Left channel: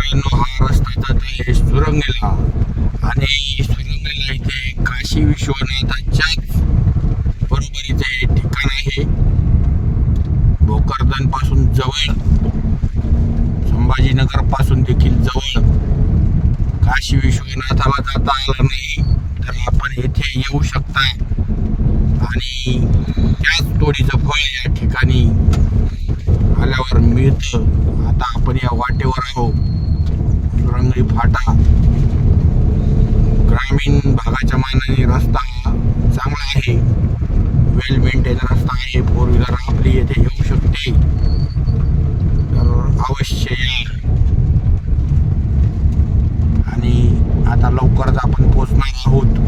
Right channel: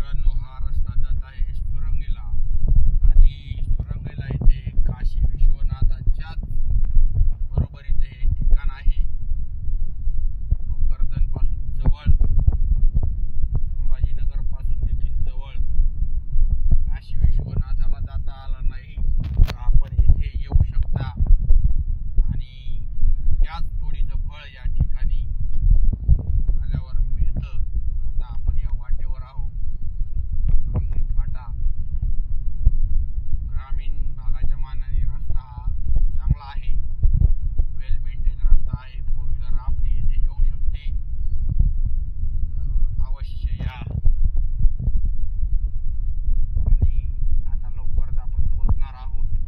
मित्रांनो, हा रस्ता जात आहे सुरंगेला आणि सुरंगेला इथे काशी विश्वनाथाच्याच बरोबरीचे हे ठिकाण आहे. भोकरदन पासून जवळ, संभाजीनगर पासून देखील जवळ. काशी विश्वनाथाला जाता आलं नाही तर आपण येथे येऊ शकता आणि त्याच तोडीचं फळ या ठिकाणी आल्यावर मिळतं. आता आपण या वाटेवर आहोत. सुरंगी फाटा ग्रामीण भागाच्या मानाने रस्ता चांगला आहे, वेल मेंटेन रस्ता आहे. फोर व्हीलर आपली येथे येऊ शकते, तर अवश्य या. आणि आता लवकरच आपण पोहोचणार आहोत.